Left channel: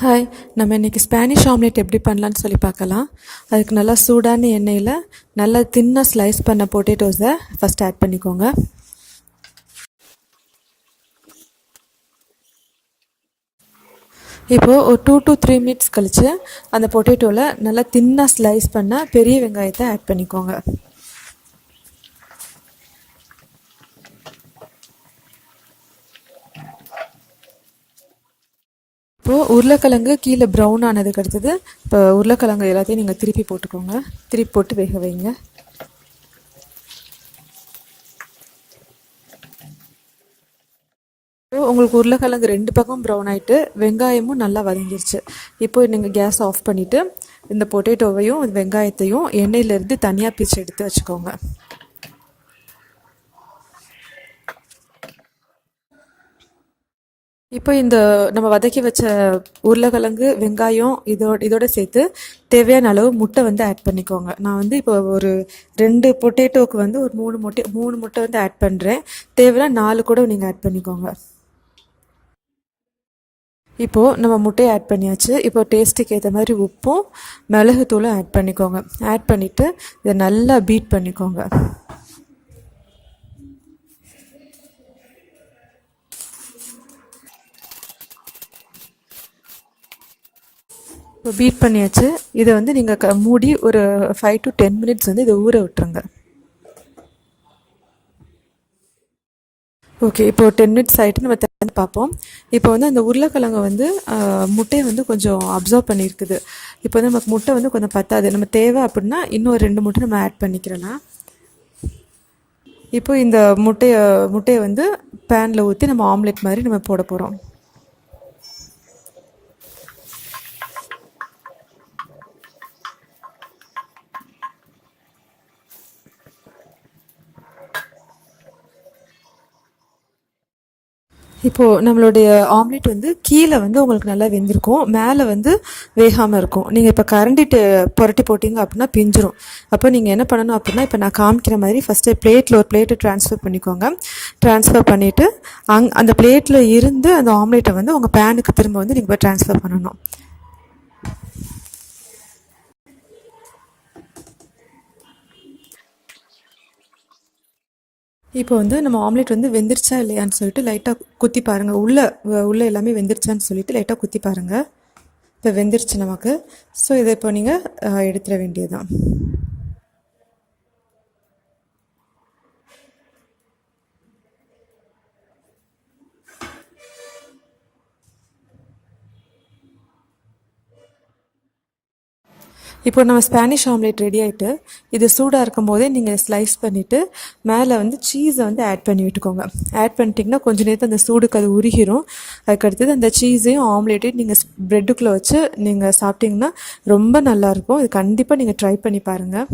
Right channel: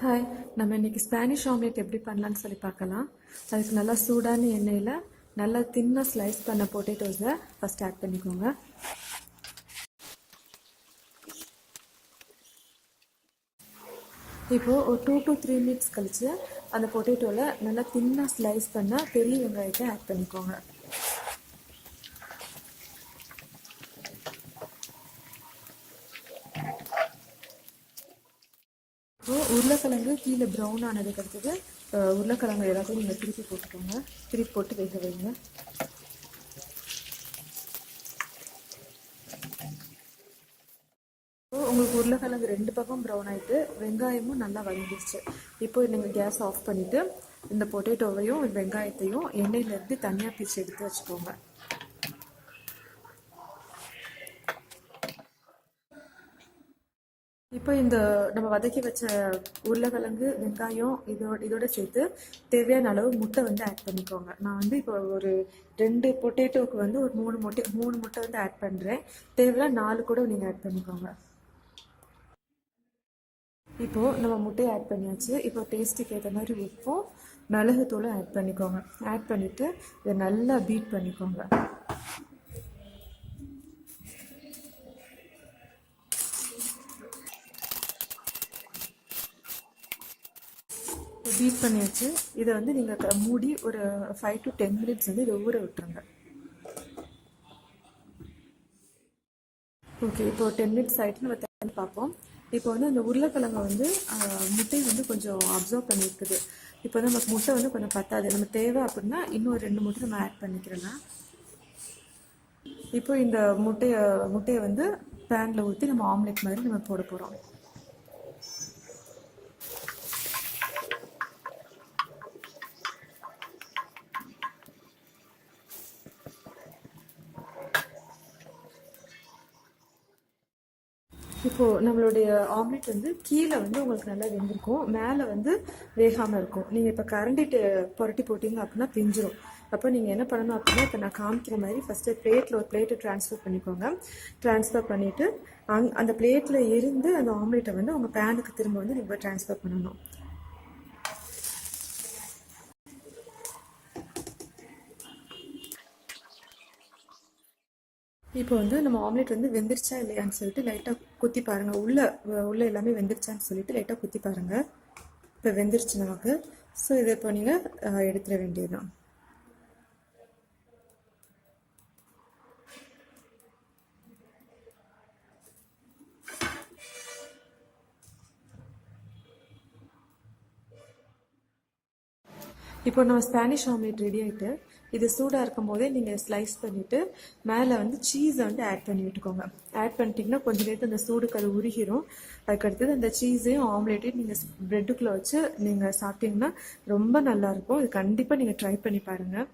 Hi, நம்ம இன்றைக்கி Spanish omelette எப்படி பண்ணலான்னு சொல்லி பார்க்கலாம். அதுக்கு நல்லா சூடான எண்ணெயில் நல்லா தின்னாக ஸ்லைஸ் பண்ண பொட்டேட்டோஸை ஃபஸ்ட் ஆட் பண்ணிக்கோங்க. இப்போது ஒரு 2 to 3 மினிட்ஸ் கழித்து அந்த பொட்டேட்டோவில் நல்லா தின்னாக ஸ்லைஸ் பண்ண பெரிய வெங்காயத்தை ஆட் பண்ணிக்கோங்க. இப்போது உருளைக்கிழங்கு கீழே ப்ரௌன் ஆனதுக்கு அடுத்தது இப்போ உருளைக்கிழங்கு எல்லாத்தையும் நீங்கள் திருப்பி போட்டுக்கோங்க. திருப்பி போட்டு வேக வைங்க. உங்களுக்கு உருளைக்கிழங்கு 2 பக்கம் ப்ரௌன் ஆகிட்டு வெங்காயமும் நல்லா வதங்கிருச்சு. இப்போ நீங்கள் கேஸ் ஆஃப் பண்ணிவிட்டு இந்த பொட்டேட்டோவையும் வெங்காயத்தையும் எண்ணெயிலேருந்து தனியாக பிச்சு எடுத்து வச்சுக்கோங்க. இப்போ இந்த நம்ம வதக்கி வச்ச உருளைக்கிழங்கு வெங்காயம் இதோட சேர்த்து தேவையான அளவு முட்டை வந்து ஆட் பண்ணிக்கோங்க. நான் வந்து இப்போ ஒரு 2 பொட்டேட்டோவுக்கு வந்து ஒரு 3 முட்டை வந்து ஆட் பண்ணுறேன். தேவைன்னா 4 கூட நீங்கள் ஆட் பண்ணிக்கோங்க. இப்போது நம்ம முட்டையை ஆட் பண்ணியாச்சு. இப்போ டேஸ்ட்டுக்கு ஏற்ற மாதிரி உப்பும் மிளகுத்தூளும் ஆட் பண்ணிக்கோங்க. ஆட் பண்ணிவிட்டு இதை நல்லா பீட் பண்ணிக்கோங்க. இப்போ பீட் பண்ணியாச்சு. இதை வந்து நீங்கள் மூடி ஒரு 5 to 10 மினிட்ஸ் வந்து இதை ஊற விட்டுருங்க. ஓகே, இப்போது 10 மினிட்ஸ் ஆகிட்டு நம்ம திறந்து பார்ப்போம். இப்போ வந்து அந்த உருளைக்கிழங்கு வந்து முட்டையை வந்து கொஞ்சம் அப்சர்வ் பண்ணியிருக்குது. இப்போ வந்து நமக்கு முட்டை வந்து கொஞ்சம் பத்தாது. நம்ம தேவை அப்படின்னா இன்னும் 2 முட்டை நம்ம ஆட் பண்ணிக்கிறலாம். இப்போ இந்த முட்டையை வந்து பேனில் ஊற்றி நம்ம ஆம்லெட் மாதிரி நம்ம போட போகிறோம். இப்போது நம்மளுடைய ஆம்லேட் வந்து கீழே வந்து உங்களுக்கு நல்லா வெந்திருக்கும், மேலே வந்து வேகாமல் இருக்கும். நீங்கள் இப்போ கரண்டிட்டு புரட்டி போட்டிங்க அப்படின்னா பிஞ்சிரும். அப்போ நீங்கள் என்ன பண்ணணும் அப்படின்னா, இப்போ நான் காமிக்கிற மாதிரி ஃபஸ்ட்டு ஒரு பிளேட்டை ட்ரான்ஸ்ஃபர் பண்ணிக்கோங்க. ட்ரான்ஸ்ஃபர் பண்ணிவிட்டு அந்த பிளேட்டில் இருந்து அந்த ஆம்லேட்டை வந்து உங்கள் பேனுக்கு திரும்ப வந்து நீங்கள் ட்ரான்ஸ்ஃபர் பண்ணணும். இப்போ வந்து நம்ம ஆம்லேட் வந்து வெந்துருச்சா இல்லையான்னு சொல்லிட்டு லைட்டாக குத்தி பாருங்கள். உள்ளே எல்லாமே வெந்துருச்சான்னு சொல்லிட்டு லைட்டாக குத்தி பாருங்கள். இப்போ வெந்துருச்சு நமக்கு. ஸோ இதை இப்போ நீங்கள் எடுத்துட வேண்டியதுதான். இப்போ நம்ம ஸ்பானிஷ் ஆம்லேட் ரெடி ஆகிட்டு இது சூடாக இருக்கும் போதே நீங்கள் ஸ்லைஸ் பண்ணிவிட்டு மேலே வந்து சீஸை வந்து ஆட் பண்ணி விட்டுக்கோங்க. ஆட் பண்ணிட்டிங்கன்னா கொஞ்சம் நேரத்தில் அந்த சூடுக்கு அது உருகிரும். அதுக்கடுத்தது அந்த சீஸையும் ஆம்லேட்டையும் நீங்கள் ப்ரெட்டுக்குள்ளே வச்சு நீங்கள் சாப்பிட்டிங்கன்னா ரொம்ப நல்லாயிருக்கும். இது கண்டிப்பாக நீங்கள் ட்ரை பண்ணி பாருங்கள்.